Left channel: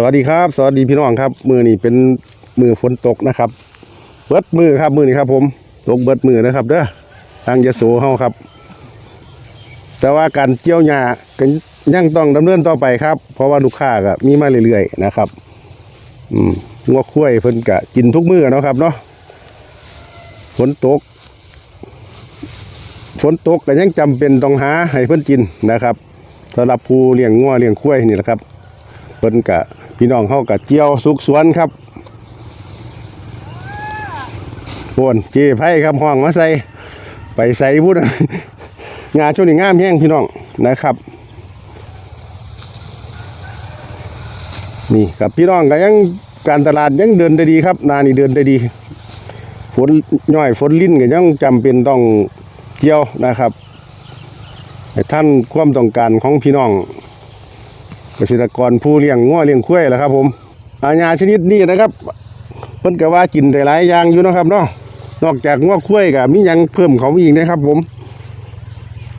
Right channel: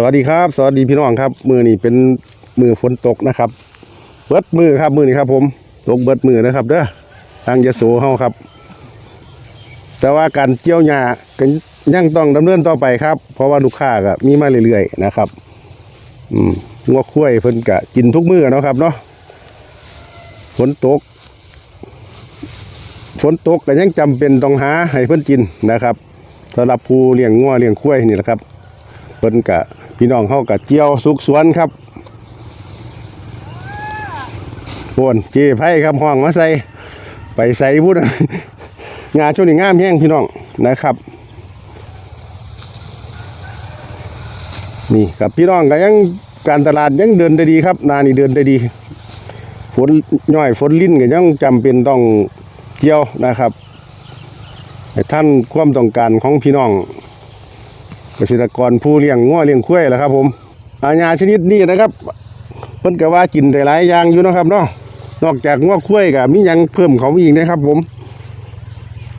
สวัสดีครับ สวัสดีพี่น้องครับ มือนี่เป็นมือฝนตกนะครับเบิดมือครับมือนี่ครับ ผมตกเบิดมือนะครับ เด้อทางยโสเฮาครับ แต่ว่าการเกี่ยวหญ้าก็ยังต้องดำเนินต่อไปครับ เพราะว่าลูกค้าก็มีมาเรื่อยๆนะครับ อืมงัวคุ้ยเพิ่นก็กินทุกมือเนาะครับ เนาะฝนตกฝนตกก็ยังจำเป็นต้องหาให้เพิ่นกินนะครับสำหรับผู้เลี้ยงงัวเลี้ยงคุ้ยนี่แหละครับเพิ่นกะ พี่น้องเข้ากะเจียวสุกสวนครับโอนเจี๊ยไพ่ครับห้องมาใส่ไปใส่พุทธงานช่วงนี้งามแห้งพี่น้องนะครับ นี่กับพี่น้องก็ยังการตลาดยังเดินได้ดีครับ นานี่เดินได้ดีฝนย่อยฝนลิ้นก็ยังจำเป็นต้องเกี่ยวนะครับท่านความต้องการของพี่น้อง เกษตรกรผู้เลี้ยงงัวเลี้ยงควายแหละครับ ผมอาญาชนิดนี้นะครับเพิ่นก็ว่ากินได้หลายอย่างอยู่เนาะครับเนาะนอกจากงัวควายก็มีหยังเพิ่มเขามาอีกนะครับ ผม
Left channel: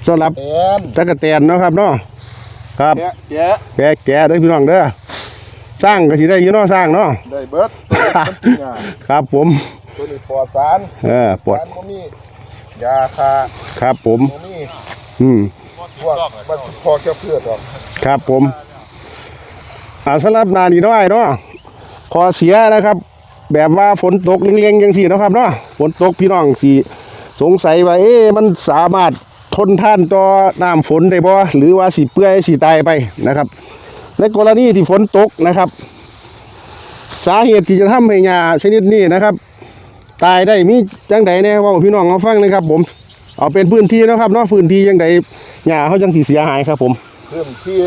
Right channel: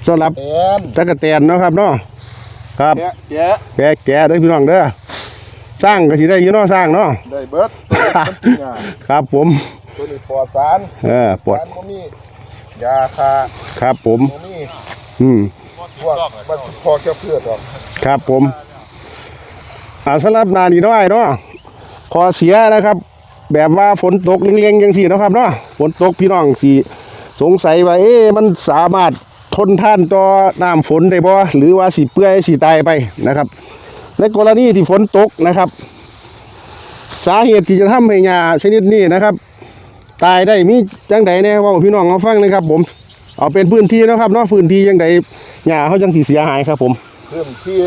สำหรับแอนตะกะแตนเนาะครับเนาะครับแกะแกะแกะแกะเด้อพี่น้องเด้อสร้างก็สิได้อยู่เนาะสร้างเนาะได้เบิดตัวนี้มันกินง่ายครับผมตัวนี้ปลอดสารเออปวดสารบ่มียาคาครับผมบ่มีอืมพวกมันพอแค่เพื่อดอกครับผม อ่าสำหรับนานี่น้อยเนาะขอเสียนะครับ แบบว่าฝนตกเลี้ยงๆจังสี่นาะครับเนาะฝนตกพี่น้องสีสงสัยว่าเอ๊ะมันสามารถทนท่านต่อน้ำฝนได้บ่หรือว่าสีเปื่อยสีตายไปนะครับ ในกรณีที่ฝนตกนะครับ สาเหตุที่จะทำให้หญ้าชนิดนี้นะครับ ตายได้มีจังใดแน่เว่าให้พี่น้องมาฟังเลยครับ ผมเอาเป็นพื้นที่เนาะครับเนาะพื้นที่จังใดหญ้าเขาจังสีเสียหายครับ ผมเรื่องที่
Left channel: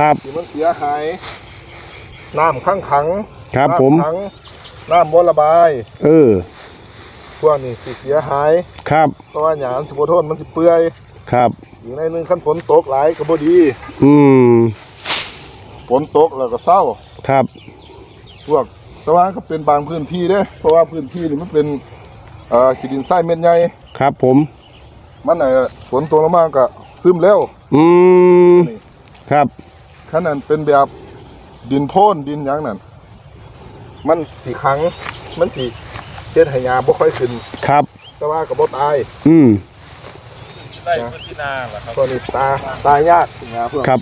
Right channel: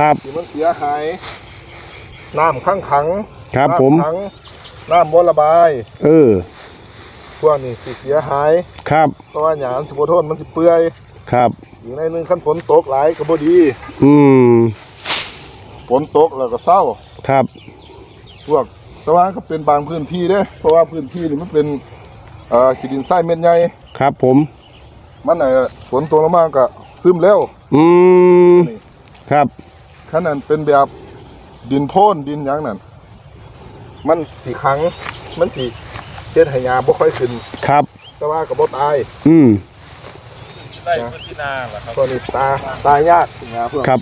ครับที่มันเสียหาย น้ำข้างขังครับน้ำผม ขังน้ำบ่ระบาย เออ พวกนี้สิเสียหายครับ เพราะว่าหยามสิบ่ทนมันสิเปื่อยครับ อยู่ในหนึงคันฝนตกหลายก็บ่ดีอืม ฝนตกแล้วก็เศร้า ครับ พวกแต่ว่าก็เป็นบางพื้นที่เด้เพราะว่าพื้นที่นี่มันเป็นเอ่อขีดินทรายเม็ดใหญ่ครับผม มันเอ่อฝนตกลงมาก็ซึมเร็วอืม นี่ครับ ขนาดเป็นแบบ ดินโพ่นดินหยังนั่นมันสีขัง มันสีเฮ็ดให้ยาบ่ค่อยขึ้น ครับ แต่ว่าก็บ่ตายอืม ได้พื้นที่นาเหรอครับ ตัวนี้ตาตายยากยาเพื่อครับ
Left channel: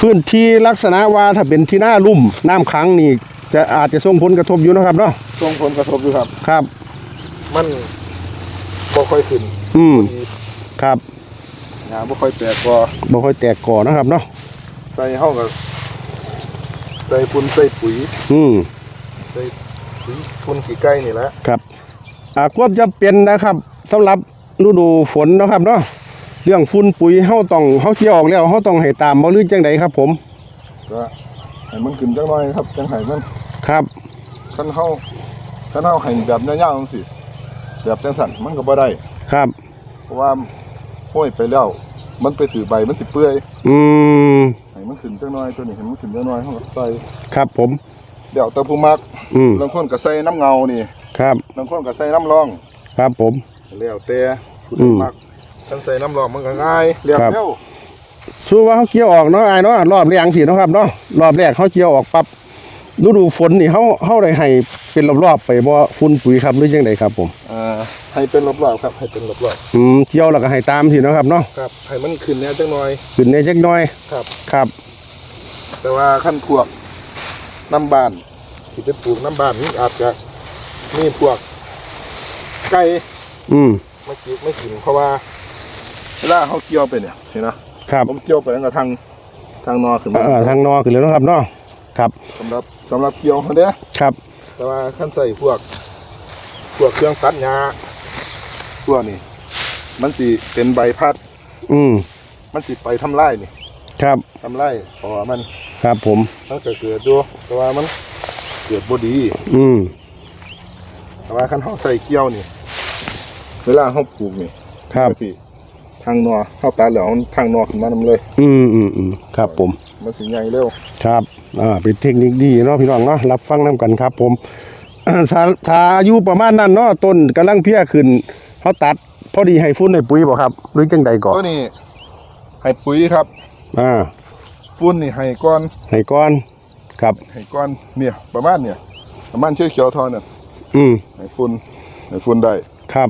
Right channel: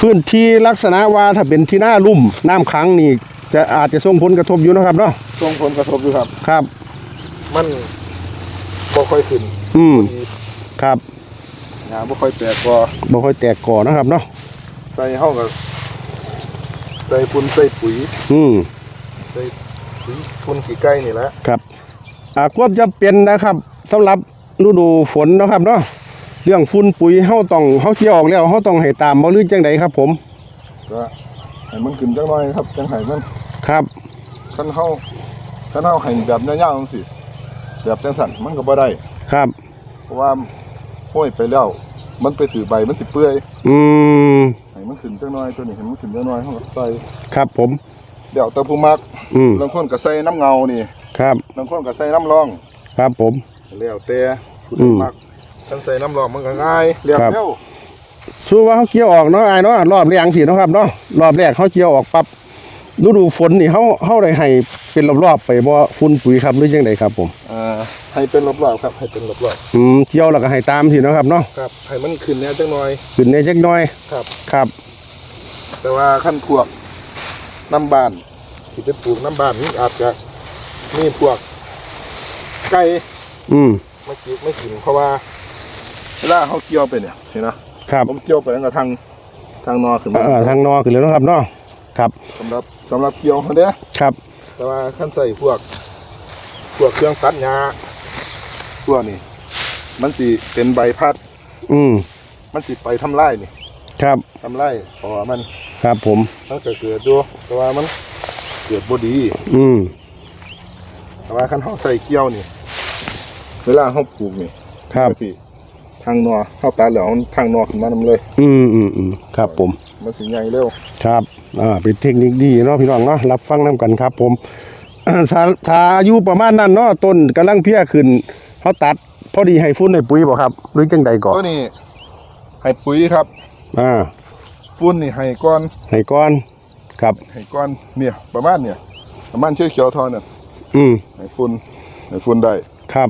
พื้นที่ลักษณะว่าถ้าเป็นที่หน้าลุ่มน้ำขังนี่ จะอาจจะส่งผลกระทบอยู่เนาะครับเนาะส่งผลกระทบอยู่ครับ ครับ มันบ่ค่อยขึ้นอืมดีครับยาบ่ค่อยแตกก็บ่ค่อยแตกก่อเนาะครับเนาะ ใส่เฮาก็ ใส่ฝุ่นใส่ปุ๋ยอืมใส่ปุ๋ยฝุ่นขี้ไก่นี่แหละครับอ่าควบจะเป็นนะครับสำหรับฤดูฝนเนาะครับเนาะเรื่องฝุ่นปุ๋ยเฮาต้องเฮาเกี่ยวออกแล้วเฮาต้องให้ตามบ่หรือจังใดครับ ผมก็ให้มันขึ้นจังหน่อยครับจังให้มันครับคันเฮาคันเฮาให้แบบยาวๆจังซี่แบบจังสั่นมันก็บ่ได้ครับเพราะว่าห้อยไปแล้ว มันไปถือใบมันสิเปื่อย อืมให้ มันขึ้นจังหน่อยตัวนี้ให้มันขึ้นจังหน่อยเฮาก็ใส่ครับผม เดี๋ยวแต่ผู้มักอืมบางคนก็ใส่น้ำเงานี่ครับ บางคนก็ใส่น้ำรองครับผม แล้วแต่ผู้อืใดมมักคันใส่น้ำรองมันก็ง่ายเรียบครับ เร็วสู้ว่าเขาเกี่ยวออกเนาะไอ้ายเนาะรอบแรกสิเนาะครับเนาะรอบแรกเขาเกี่ยวออกปั๊บ ฤดูฝนนี่เขาเขาได้ให้เป็นรอบๆไปบ่ฝุ่นปุ๋ยครับหรือยังไงครับผมอ่าให้เป็นรอบๆครับ ให้เป็นรอบอืมเกี่ยวแล้วก็ให้ตามสิเนาะครับเนาะๆครับให้มันขึ้นแน่จังหน่อยขึ้นในจักหน้อยครับ ครับ แต่ว่าขั้นพวกน้ำบานที่ไปปลูกน้ำบานนี่อาจจะมีพวกไก่อืมไม่กินไม่กินเพราะว่าเวลาเขาเกี่ยวไปเนี่ยเห็นไหมครับผมเกี่ยวไปตั้งแต่ทางทางนอขึ้นมาเอ่อทางนอขึ้นเลยเนาะครับเนาะครับสำหรับ สำหรับเกี่ยวเขาเนี้ยครับ แต่ว่าขั้นใส่พวก พวกเครื่องตัดหญ้าพวกนี้มันสิเป็นใบพัด อืมมันสิไปทำลายนี่ครับทำลายเพราะว่ามันครับผมมันก็เกิดอยู่แต่ว่ามันเกิดบ่ดี อืมแต่ว่าขั้นเขาใส่เกี่ยวนี่เวลาเขาปลูกนี่ครับมันสิทางนอเข้าตัดแล้วมันทางนอขึ้นมานำเลย อืมอืมอืมครับผม มันสิใหญ่เร็วครับ อ่าเป็นเทคนิคดีเนาะพี่น้องเนาะรับฟังน้กันครับ ผมถ้าถ้าอายุประมาณนั้นเนาะต้นกำลังเพี้ยขึ้นเขาตัด พอดีให้ฟุ้นให้ปุ๋ยบ่ครับหรือจังใดก่อนตัวนี้ให้ปุ๋ยครับ อ่าฟุ้นนี่ให้ก่อนให้ก่อนครับให้ก้อนเนี่ย ประมาณเนี่ย ประมาณเชี่ยวเขียวๆทอเนี่ยอืมให้ฝุ่นให้ฝุ่นได้ครับ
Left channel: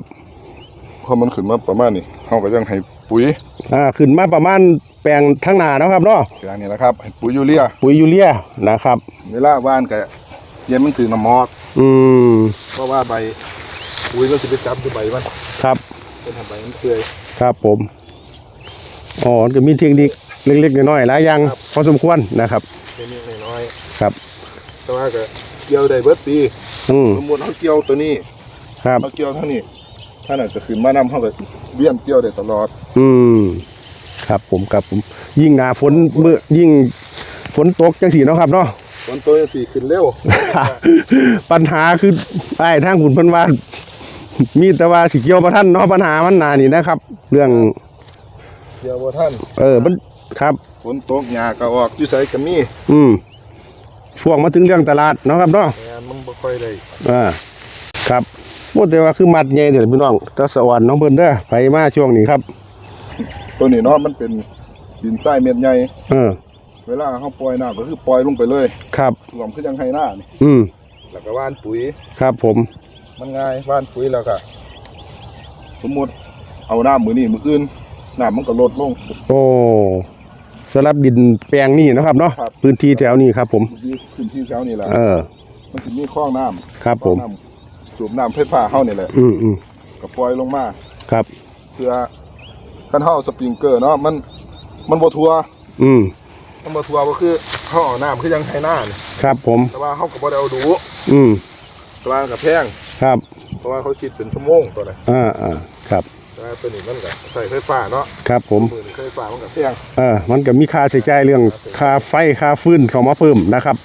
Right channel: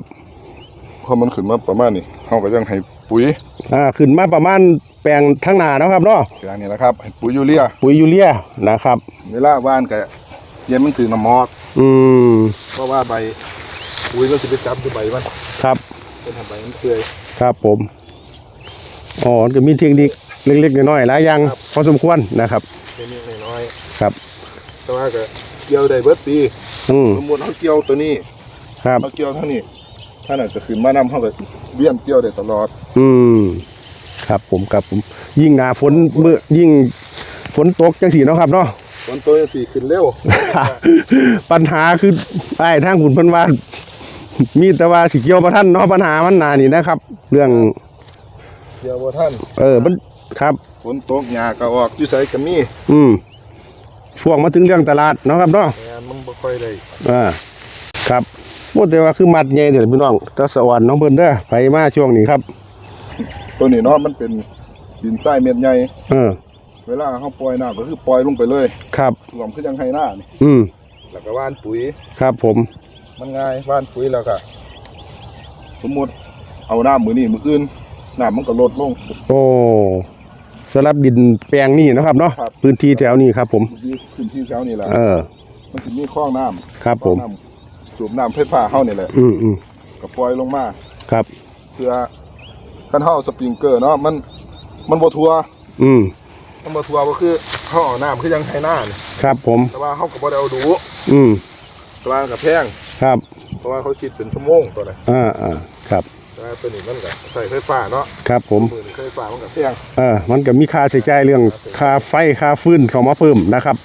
พอมันขึ้นมาประมาณนี้เฮาก็ยังให้ปุ๋ย อ่า ขึ้นมาประมาณแปลงทั้งหนาเนาะครับเนาะอย่างนี้แหละครับให้ปุ๋ยยูเรียปุ๋ยยูเรียนะครับ เวลาว่านก็เย็นมันถือน้ำหมอก อืมเพราะว่าใบปุ๋ยมันสิไปจับที่ใบมันครับเป็นทำใบมันเปื่อยครับผมอ๋อมันก็มีเทคนิคเล็กๆน้อยๆหลายอย่างครับพอสมควรนะครับเป็นนิดน้อยครับๆแต่ว่าก็เกี่ยวได้เบิดปีอืมสมมุติเขาเกี่ยวตัวนี้ครับเขาเกี่ยวเท่านี้ถ้าน่ะจะขึ้นมานำเขาก็เวียนเกี่ยวได้ตลอด อืม ครับผมครับผมยิ่งหนาฝนเมื่อยิ่งฝนตกจังสีเนาะครับเนาะฝนตัวจังสี่ขึ้นเร็ว ปัญหาคือไอ้ทางขุนเพันว่ามีแต่ว่าสิเกี่ยวประท่านเนาะปัญหามันหนานี่นะครับ เรื่องเกี่ยวบ่ท่านเออมันครับฝนตกหญ้าก็ออกอยู่ไสก็มีอืมช่วงมาถึงเรื่องตลาดเนาะครับเนาะงานมันบ่ค่อยได้อ่าครับโอ้แต่ว่าคือมัดใหญ่เดี๋ยวพี่น้องตะสวรรค์น้องเพิ่นเด้อไปมาช่วงนี้ครับ ตัวนี้เนาะมันเป็นดินทรายเม็ดใหญ่เออ เวลาเขาปล่อยน้ำก็คือปล่อยลงไปเลยครับรวมคือยังให้หน้านี่อืมแล้วก็หว่านปุ๋ย ครับผม มันง่ายหว่านปุ๋ยแล้วก็สมมุติเอาน้ำมื้อนี้มื้ออื่นน้ำมันก็ลดลง โอ้สำหรับดินแปลงนี่เนาะครับเนาะครับ พื้นที่แถวนี้ครับ ผมอยู่ขึ้นที่แถวนี่แหละเออ มันสิมีคลองน้ำครับผม คลองน้ำสูบน้ำไฟฟ้าเฮานี่แหละอืมอืมก็ปล่อยลงมา ครับ เพื่อ คันเฮาสปริงเกอร์เนาะมันมันบ่ทั่วอืมมันบ่ทั่วก็คือเฮาเอาน้ำคือยังให้หน้านี่ครับผม แต่ว่าเฮาก็บ่ได้เอาดูอืมแต่ว่ามันก็แพงครับเพราะว่าเขาคิดเป็นชั่วโมงตัวนั้นอ่าอ่าครับแต่ว่าตัวนี้มันก็ใส่ไฟฟ้าเนาะครับผม มือนี่ไฟฟ้ามันก็แพงเออมันก็มีค่าใช้จ่ายเรื่องค่าไฟค่าฟืนเข้ามาเพิ่มนะครับ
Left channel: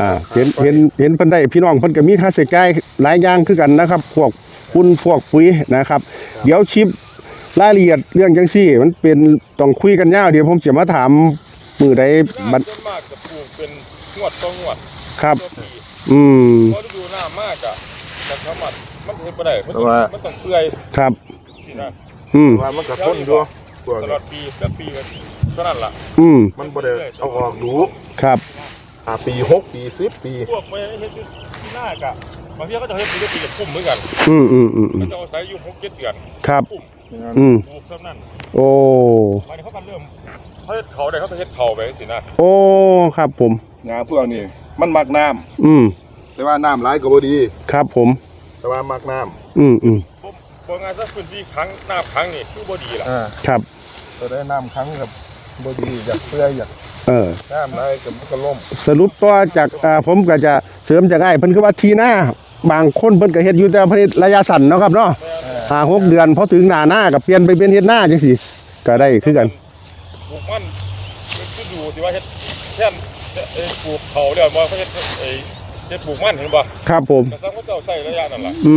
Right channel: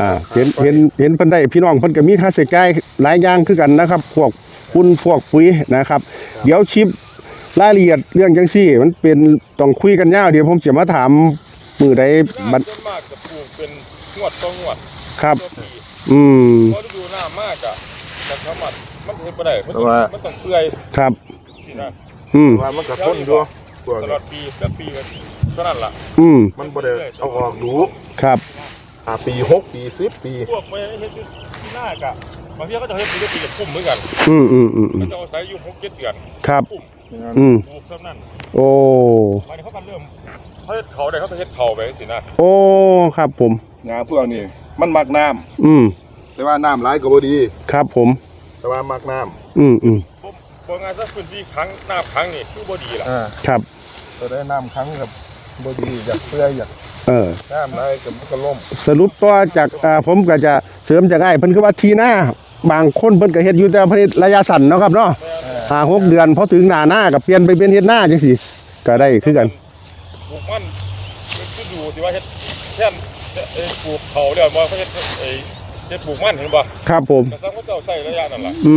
อ่า เห็น เห็น เห็นเพิ่นได้พี่น้องเพิ่นก็มีค่าใช้จ่ายหลายอย่างคือกันนะครับ พวกคุณพวกปุ๋ยนะครับ เดี๋ยวชิป รายละเอียดเรื่องจังซี่ มันเป็นต้องคุยกันยาวเดี๋ยวผมจะมาถามมือใดคือหบัน้าดส่วนมากจะปลูกเป็นงวดต่องวดครับตัวปีอืมพอฤดูหน้ามากอะมันสามารถมันเห็นบ่ได้มันแต่ต้องว่ามันต้องเปื่อยครับสินะอืมแต่ว่ามันก็ทนอยู่ตัวตลนี้อดปีแล้วปีก็เท่านั้นล่ะอืมมันบ่ได้เอาออกดูครับ อ่าปีหกปีสิบปี พวกไปเฮ็ดที่หน้ากะบางทีเขาจะเฮ็ดปีละปีละคุ้มเหมือนกันอืมอืมอืมอืเขามจะเอาใส่อยู่หกเจ็ดเดือนครับคุ้ม อืมปลูกซ้ำนั่นโอ้ มาเนี่เขาก็เริ่มเขาเฮ็ดเขาได้เขาไปเฮ็ดเขาไปสินะโอ้ ครับผม งาพวกนี้มันมักน้ำอืม แต่ว่าน้ำหลายก็บ่ดี ครับผม แต่ว่ามักน้ำอืมอืมผมบอกงานซะพื้นที่ครั้งน้ำครั้งนี่คือบ่ดีล่ะอ่าครับก็ได้น้ำครั้งกับบ่ดีอยากเปื่อยอยากเออ น้ำหลายก็มันก็ล่มสรุปตัวจากอ่าผมก็จะเสริมจากไอ้เพิ่นคือว่าทีหน้า บางคนเพิ่นก็เฮ็ดอยู่แต่เพิ่นเฮ็ดระยะสั้นเนาะครับเนาะอ่าห้าหกเดือนพอถึงหน้าหน้าก็เปลี่ยนไปเป็นเฮ็ดหน้าจังซี่ก็ได้คือกันปลูกมันคือดูสิว่าเฮ็ดแท่นเอ้ยปลูกเขาแล้วบ่เขาเฮ็ดไอ้เฮ็ดปลูกมันเห็นบ่ครับผมแต่ซังเขาเจ้าใส่ระยะนั่นล่ะอื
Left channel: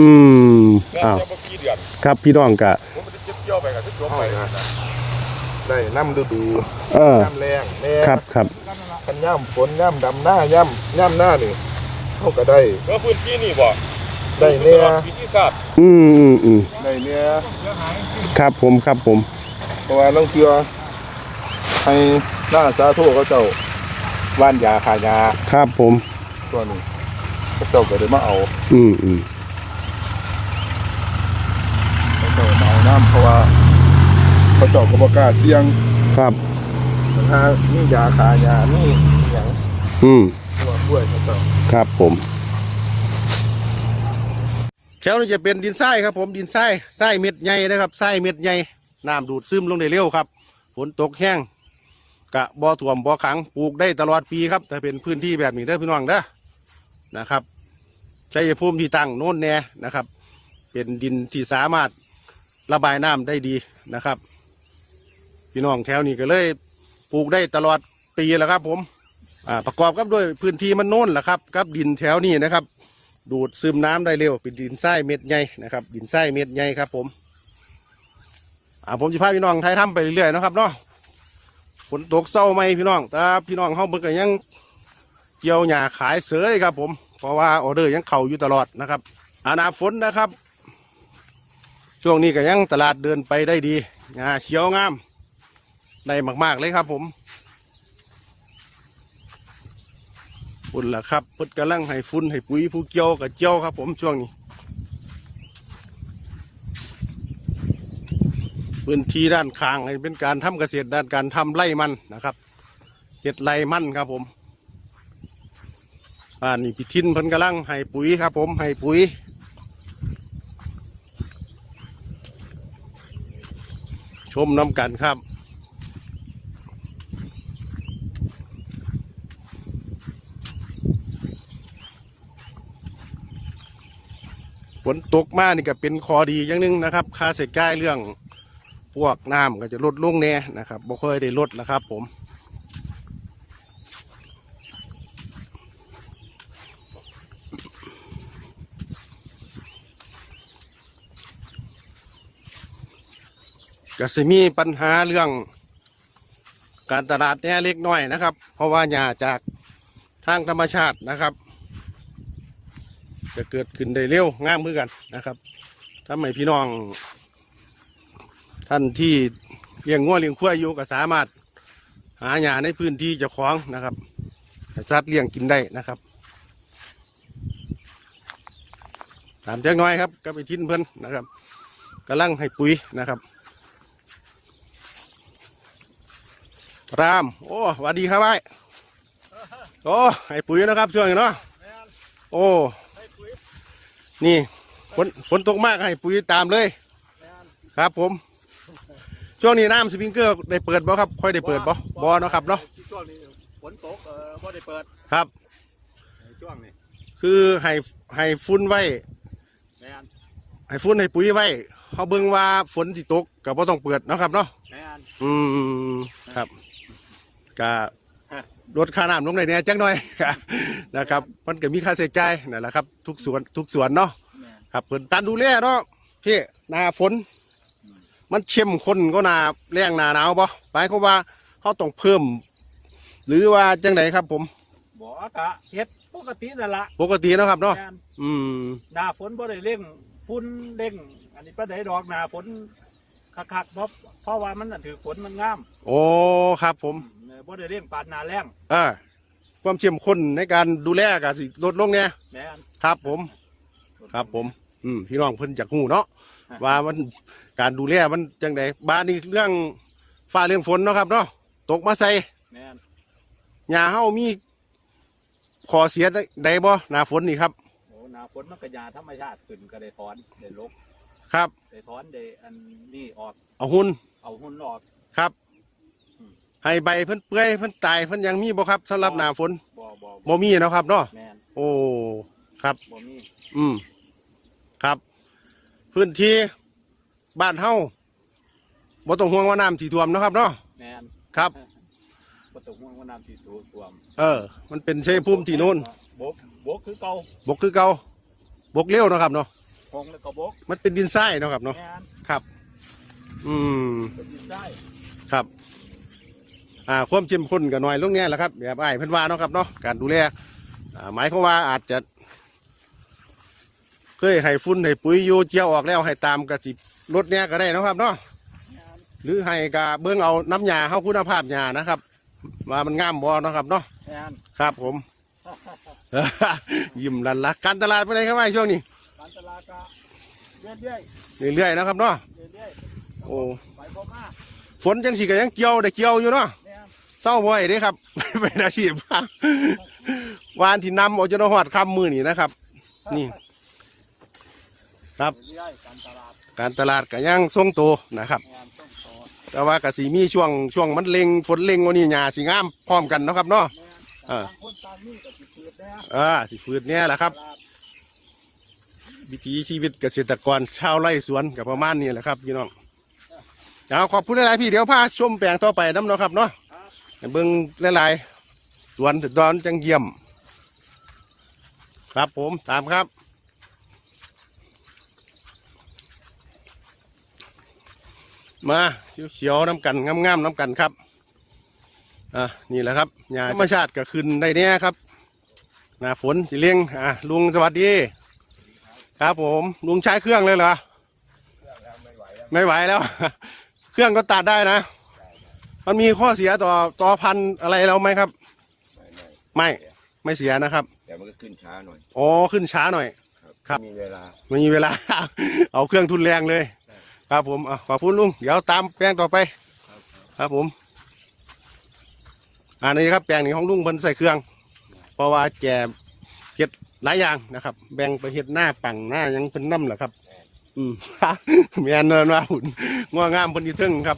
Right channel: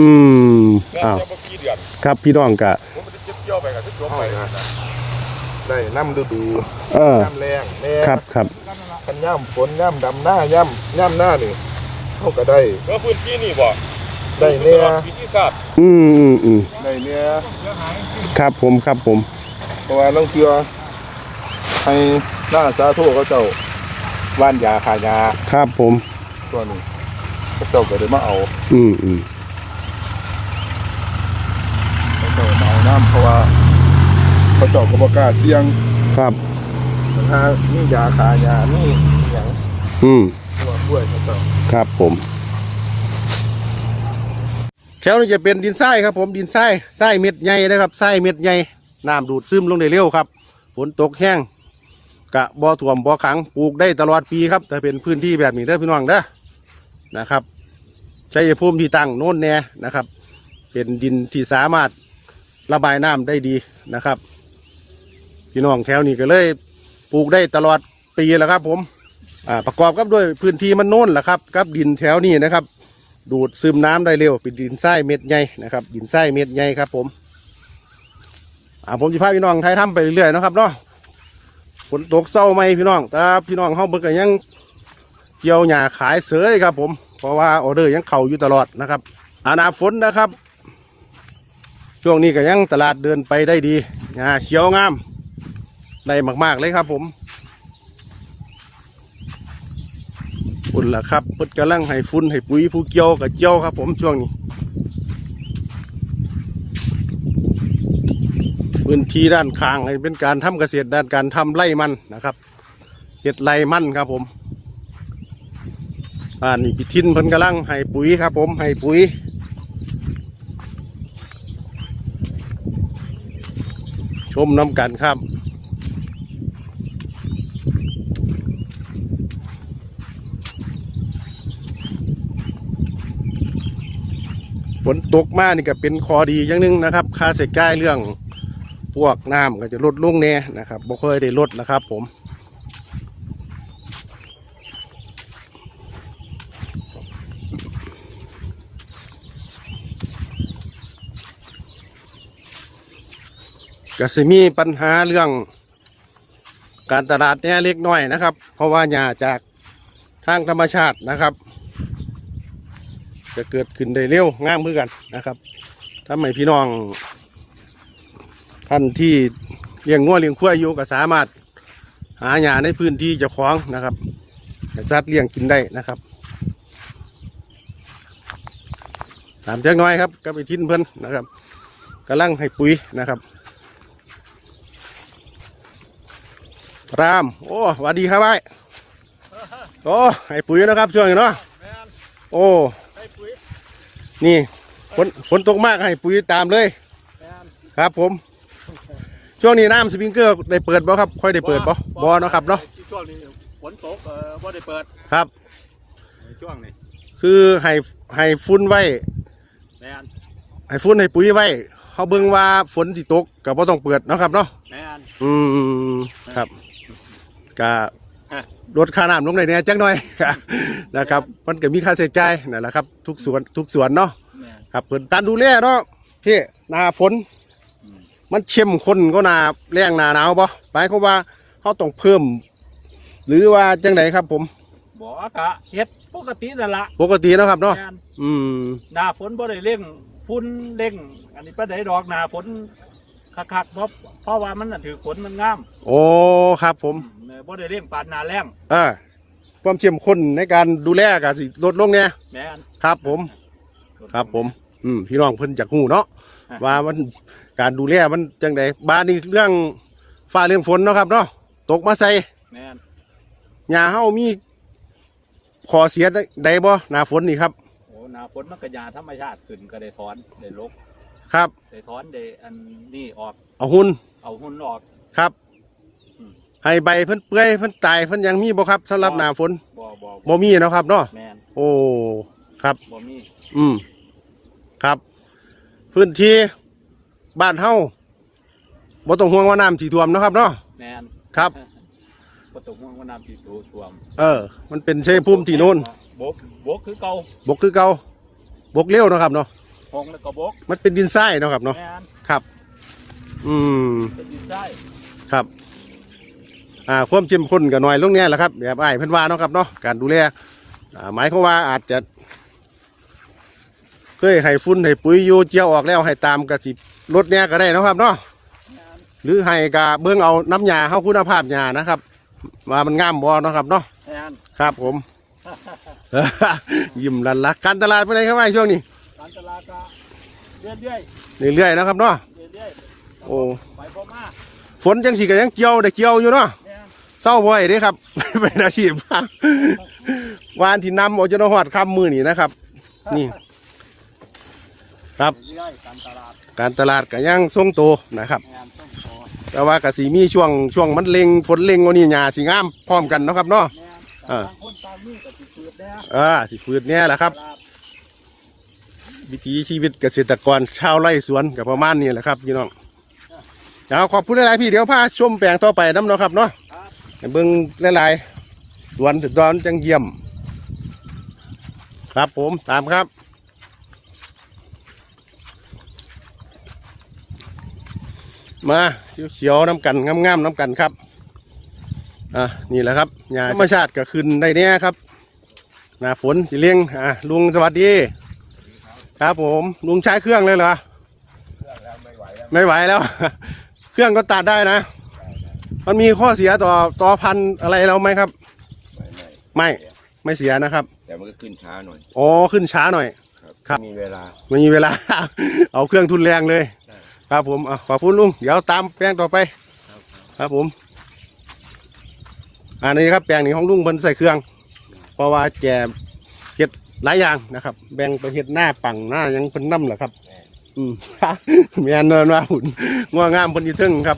มแล้วอ้าวจะบ่กี่เดือนครับพี่น้องก็ผมมันจะเก็บเกี่ยวไปก็สิจบไปนะได้น้ำฤดูเออน้ำแรงแน่ครับครับคันย่ำฝนย่ำดำหน้าย่ำย่ำหน้านี่ เขาก็ได้แล้วพื้นที่นี่บ่ได้เนี่ยตลอดปีที่ศาสตร์อืมอืมอืมได้เนี่ยเสียหายครับผมครับผมเพราะว่าต้องเชื่อให้หน้าสาธุเขาเจ้าว่านยาขายาครับผมตัวนี้เขาเจ้าก็ได้มาเอา อืมอืมเขาเจ้ามาเอาน้ำเพราะว่าเขาเจ้าก็บ่กล้าเสี่ยงครับถ้านี่ยาขายานี่อย่างอืม ตัวกล้วยเขาเจ้าครับผมแถวนี้จะเป็นดินทรายครับ ผมดินทรายทรายเม็ดใหญ่นะครับทรายเม็ดใหญ่น้ำดูดซึมลงได้เร็วครับฝนตกแห้งกะบ่อถ่วมบ่อขังปลูกได้ตลอดปีครับถ้าเป็นพื้นที่แบบนี้เด้อพี่น้องเด้อนะครับใช้ภูมิที่ตั้งโน่นแน่นะครับ เป็นดินที่สามารถระบายน้ำได้ดีนะครับ พี่น้องแถวนี้ก็เลยปลูกได้ตลอดปีแหล้วครับผม อ่าประกอบกับด้วยพื้นที่มันโน่นแหละครับกับดินแถวนี้นะครับ ดูดซึมน้ำได้เร็วเป็นดินทรายเม็ดใหญ่นะครับ ดินทรายเม็ดใหญ่ครับ ผมอ่าผมจะพาพี่น้องไทยทำไปเรื่อยๆนะครับเนาะฝนตกเศร้าไหมพี่น้องแต่พี่น้องเขาเบิกกันยังเกี่ยวหญ้าขายเสือครับ ผม เพราะว่าออเดอร์ยังเข่าอยู่ตลอดนะครับอานาฝนนะครับ ช่วงนี้ก็ยังตลาดเดินไปได้ดีหญ้าเขียวงามได้มาก ๆ เลยครับผม ฝุ่นล่ะครับเพิ่นกำลังให้ฝุ่นให้ปุ๋ยผู้เกี่ยวกับเกี่ยวครับ ผมช่วงนี้พื้นที่ด้านข้างเป็นการทำเกษตรด้านการทำไร่มันนะครับเห็ดไร่มันครับผมอ่านี่พิทินเพิ่นกำลังให้ปุ๋ยครับผมให้ปุ๋ยชมน้ำกันครับ นตกมานี่ก็เป็นคอดีอย่างหนึงนะครับ ค่าเสียจ่ายเรื่องพวกน้ำก็จะลดลงแน่นะครับบ่ค่อยได้ลดนะครับผมก็สิมีปัญหาเรื่องการตลาดเนี่ยเล็กน้อยนะครับ เพราะว่าหญ้าจากทางธรรมชาตินะครับ จะเกิดขึ้นได้เร็วงามือกันนะครับทำให้พี่น้อง ท่านที่เลี้ยงงัวเลี้ยงควายอยู่ก็สามารถหาหญ้าในพื้นที่เจ้าของนะครับให้สัตว์เลี้ยงกินได้นะครับตามจักหน้อยครับกับไอทินเพิ่นนะครับกำลังให้ปุ๋ยนะครับราม โอ้หวัสดีครับไอ้โอ้ให้ปุ๋ยนะครับช่วงนี้เนาะโอ้ นี่ฝนฝนตกมากให้ปุ๋ยตามเลยแม่นครับผม ช่วงนี้น้ำสปริงเกอร์ได้เปิดบ่ครับ ค่อยได้เปิดบ่บ่เนาะครับเนาะช่วงนี้ฝนตกเออบ่ได้เปิดครับในช่วงนี้คือให้ให้ฟุ้นไว้แม่นให้ฟุ้นให้ปุ๋ยไว้เขาเบิ่งว่าฝนที่ตกก็บ่ต้องเปิดเนาะครับเนาะแม่นอืมครับก็ฮะ ลดค่าน้ำลงได้แหน่จักหน่อย นะครับ มันก็มีค่าใช้จ่ายนั่นแหละครับ ทุกสวนทุกสวนเนาะแม่นครับเพิ่นการดูแลเนาะที่หนาฝนอืมมันเข้มข้นก็หนาแรงหนาหนาวบ่หมายความว่าเขาต้องเพิ่ม หรือว่าจังไดครับ ผม บ่กะเฮ็ดปกตินั่นละปกติเนาะครับเนาะแม่นอืมหน้าฝนบ่ได้เร่งฝุ่นเร่ง อันนี้ปานใดดอกหน้าฝนคักๆเพราะเพราะว่ามันน่ะถือฝนมันงาม โอ้ครับผมเออ บ่ได้เร่งปานหน้าแรงอ่าความเข้มข้นในการดูแลก็สิลดลงเนี่ยแม่นครับ ผม ครับผม อืมพี่น้องเพิ่นจากหูเนาะว่ามันการดูแลมันจังไดบ้านนี้เรื่องฟ้าเรื่องฝนเนาะครับเนาะตกมาใส่แม่นหญ้าเฮามีขอเสียใดบ่หน้าฝนนี่ครับโอ้หน้าฝนมันก็ยาธรรมชาติขึ้นก็ได้ถอนได้ลกครับได้ถอนได้อันนี้ออกเอาหุ่นเอาหุ่นออกครับอืม ให้ใบเพิ่นเปื่อยเพิ่นตายเพิ่นยังมีบ่ครับสำหรับหน้าฝนบ่บ่บ่มีเนาะครับเนาะแม่นโอ้ครับ บ่มีอืมครับ พื้นที่บ้านเฮาบ่ต้องห่วงว่าน้ำสิท่วมเนาะครับเนาะ แม่นครับบ่ตกม่วงว่าน้ำที่ถูท่วมเออ มันเป็นชัยภูมิที่โน่นบกบกคือเก่าบกคือเก่าบกเร็วเนาะครับเนาะห้องแล้วก็บกมันเป็นดินทรายเนาะครับเนาะแม่นครับ อืมจะดินได้ครับ อ่าความเข้มข้นก็น้อยลงเนี่ยแหละครับแบบอ้ายเพิ่นว่าเนาะครับเนาะการดูแลอ่าหมายความว่าอาจจะเคยให้ฟุ้นให้ปุ๋ยอยู่เจียวออกแล้วให้ตามกระสิลดเนี่ยก็ได้เนาะครับเนาะแม่นหรือให้กะเบิ่งเอาน้ำยาเข้าคุณภาพยานะครับว่ามันงามบ่เนาะครับเนาะแม่นครับผม ยิ้มลันลักการตลาดเป็นไงครับไอ้ช่วงนี้การตลาดก็เรื่อยเรื่อยๆนะครับเนาะๆเรื่อยๆโอ้ไปพอมาฝนจังสีก็ยังเกี่ยวได้เกี่ยวอยู่เนาะแม่น เศร้าบ่อยเด้ครับ เป็นอาชีพวานที่นำออกจนหอดคำมือนี่นะครับ นี่ ครับเรื่อยๆการตลาดการตลาดก็ยังทรงโตวนะครับแม่นต้องพอแต่ว่ากสีมีช่วงช่วงมันเล็งฝนเล็งวันนี้หญ้าสีงามพร้อมกันเนาะครับเนาะแม่นอ่าบางคนตามนี่ก็สิเกิดแน่อ่าสิฟืดเนี่ยแหละครับตลาดวิถีชีวิตเกษตรกรชาวไร่สวนกับประมาณนี้แหละครับพี่น้องเอาขอบคุณหลายๆพี่เดี๋ยวพาชมแปลงต่อไปน้ำเนาะครับเนาะครับให้ เบิ่งหลายๆสวนถึงตอนจังเยี่ยม ครับผมตามครับมาเขียวๆน้ำกันงามๆน้ำกันครับ อะนี่แหละครับหญ้าธรรมชาติก็ขึ้นได้เนี่ยครับ หน้าฝนสิเลี้ยงอะลุงสวัสดี ครับผม ลุงใช้เครื่องเลยเหรอ ไม่ไหวแล้ว เครื่องก็ตัดได้นะ มันมีข้อเสียต่อต่อพันธุ์อะไรเราไหมครับไม่ไม่เสียนะครับ แต่มันก็ขึ้นช้าหน่อยอ๋อขึ้นช้าหน่อย ครับไม่มีเวลาไม่มีเวลา เอาเครื่องทุนแรงเลยใช่ครับผมอะขอบคุณลุงเดี๋ยวตามแปลงต่อไป ครับผม อันนี้ครับแปลงนี้ของลุงเพิ่นใส่เครื่อง เพราะว่าแกเฮ็ดหลายอย่างนะครับ แบ่งไปเฮ็ดหน้าปังหน้าหยังเพิ่นนำเหรอครับ อืม แม่นเนินว่าหุ่นง่วงงามเพิ่นอีทึ่งครับ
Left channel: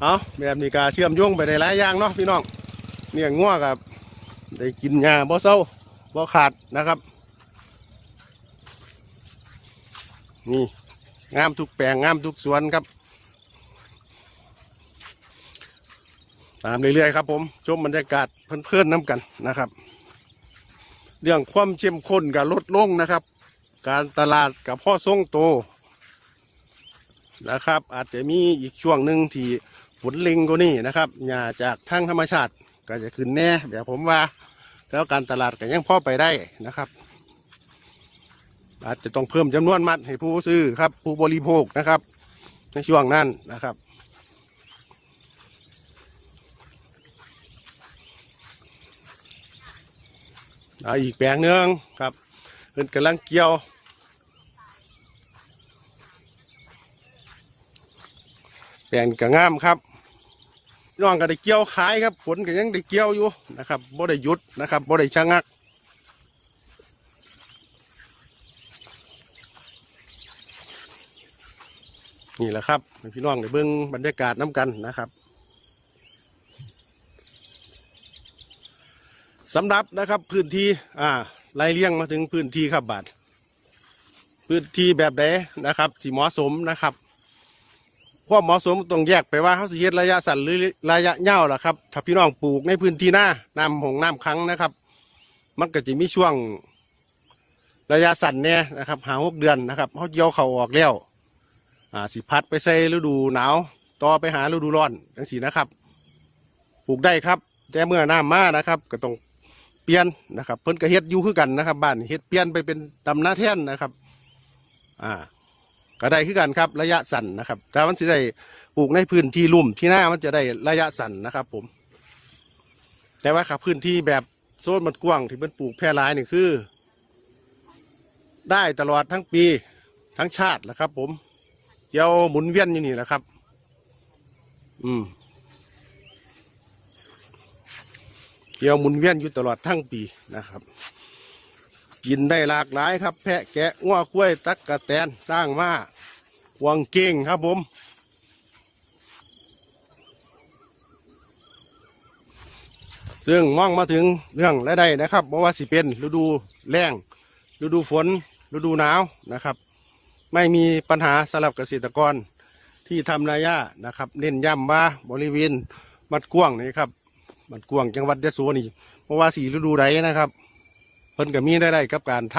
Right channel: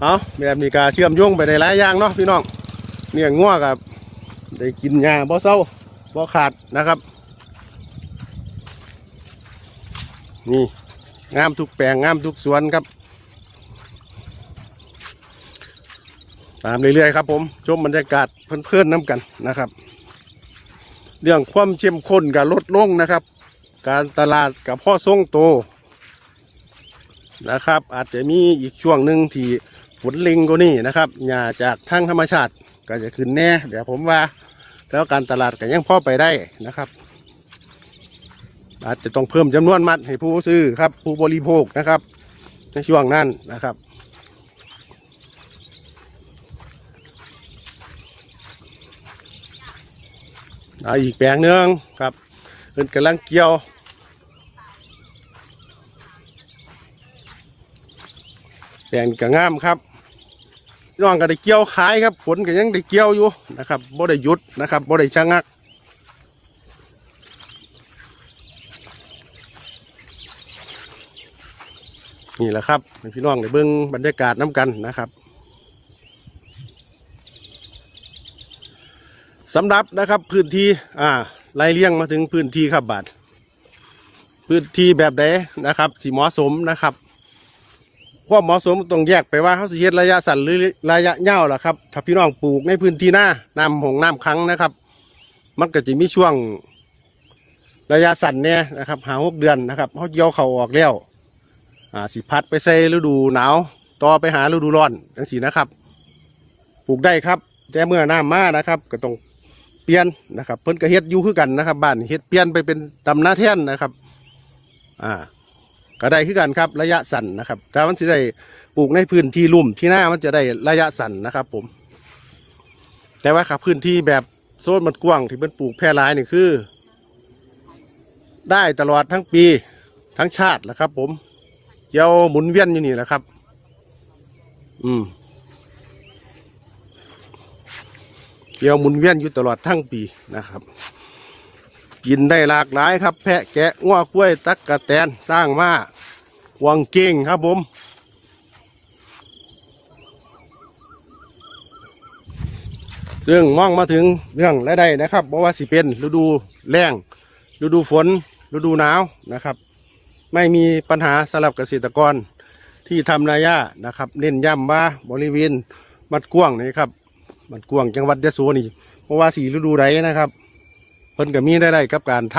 เอาแบบนี้ก็เชื่อมโยงไปในหลายอย่างเนาะพี่น้องเนี่ยง่วงกับได้กินหญ้าบ่เศร้าบ่ขาดนะครับนี่งามทุกแปลงงามทุกสวนครับ ตามเรื่อยๆครับ ผมชมบรรยากาศเพื่อนๆน้ำกันนะครับ เรื่องความเข้มข้นกับลดลงนะครับ การตลาดกับพ่อทรงโตนะครับ อาจจะมีอีกช่วงหนึ่งที่ นลิงกว่านี้นะครับหญ้าจากทางธรรมชาติก็จะขึ้นแน่เดี๋ยวผมว่าแล้วการตลาดก็ยังพอไปได้นะครับ อาจจะต้องเพิ่มจำนวนมัดให้ผู้ซื้อครับ ผู้บริโภคนะครับ ในช่วงนั้นนะครับเอาอีกแปลงหนึ่งครับเอินกำลังเกี่ยวแปลงกระงามครับ น้องก็ได้เกี่ยวขายครับ ฝนก็ยังได้เกี่ยวอยู่นะครับบ่ได้หยุดนะครับบ่ได้ชะงักนี่แหละครับพี่น้องได้เบิ่งบรรยากาศน้ำกันนะครับสำหรับนะครับพื้นที่อ่าไล่เลี้ยงมาถึงพื้นที่ครับบาทพื้นที่แบบใดนะครับสีเหมาะสมนะครับ ความเหมาะสมต้องแยกไปว่าเขาสิเฮ็ดระยะสั้นหรือระยะยาวล่ะครับถ้าพี่น้องปลูกในพื้นที่หน้าน้ำหงน้ำครั้งนะครับ มันก็จะมีช่วงระยะสั้นเนี่ยนะครับหาหกเดือนนะครับเขาเกี่ยวเขาออกแล้วอ่าสิพัดไปใส่ฤดูหนาวต่อไปหาฤดูร้อนจังสีนะครับปลูกได้ครับแต่เมื่อน้ำมานะครับ ก็ต้องเปลี่ยนนะครับ เพิ่นก็เฮ็ดอยู่คือกันนะครับบ้านเฮ็ดเปลี่ยนไปเป็นตำนาแท่นนะครับ อ่า ก็ได้คือกันครับระยะสั้นนะครับ แต่มันสิได้ปลูกในพื้นที่ลุ่มที่หน้ามันจะได้ระยะสั้นนะครับ ผม แต่ว่าครับพื้นที่แบบโซนมันกว้างที่เป็นปลูกแพร่หลายนี่คือ ได้ตลอดทั้งปีทั้งชาตินะครับ ผมเกี่ยวหมุนเวียนอยู่นี่แหละครับ อืมเกี่ยวหมุนเวียนอยู่ตลอดทั้งปีนะครับ กินได้หลากหลายครับ แพะแกะง้วกล้วยตักกะแตนสร้างมาวังเก่งครับผม ซึ่งมองมาถึงเรื่องรายได้นะครับเพราะว่าสิเป็นฤดูแล้งฤดูฝนฤดูหนาวนะครับ ไม่มีปัญหาสำหรับเกษตรกรที่ทำนายานะครับเน้นย้ำว่าบริเวณบัดกวางนี่ครับบัดกวางจังหวัดยะโสนี่เพราะว่าสีฤดูไรนะครับ เพิ่นก็มีได้ได้กับการท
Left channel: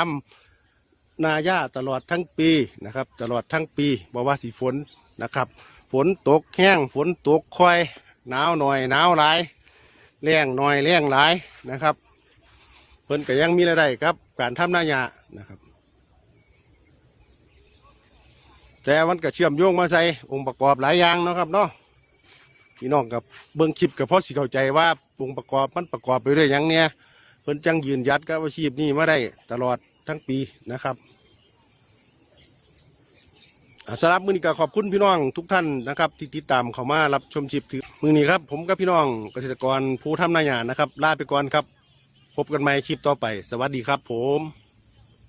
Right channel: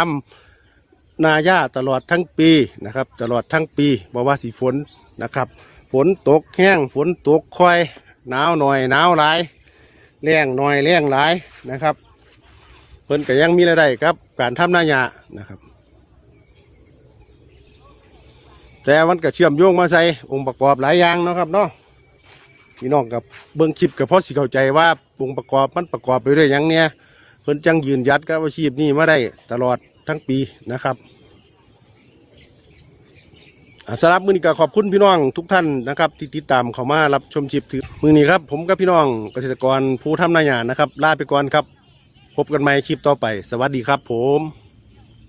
ำนายาตลอดทั้งปีนะครับ ตลอดทั้งปีเพราะว่าสีฝนนะครับ ฝนตกแห้งฝนตกค่อยหนาวหน่อยหนาวหลายแรงหน่อยแรงหลายนะครับ เพิ่นก็ยังมีรายได้ครับ การทำนายานะครับแต่มันก็เชื่อมโยงมาใส่องค์ประกอบหลายอย่างนะครับเนาะพี่น้องกับเบิ้องคลิปกับพ่อสิเข้าใจว่าองค์ประกอบมันประกอบไปด้วยหยังเนี่ย พิ่นจังยืนยัดกับอาชีพนี้มาได้ตลอดทั้งปีนะครับอ่าสำหรับมือนี้ก็ขอบคุณพี่น้องทุกท่านนะครับที่ติดตามเข้ามารับชมชิปถือมือนี้ครับผมกับพี่น้องเกษตรกรผู้ทำนาหยานะครับลาไปก่อนครับ พบกันใหม่คลิปต่อไป สวัสดีครับผม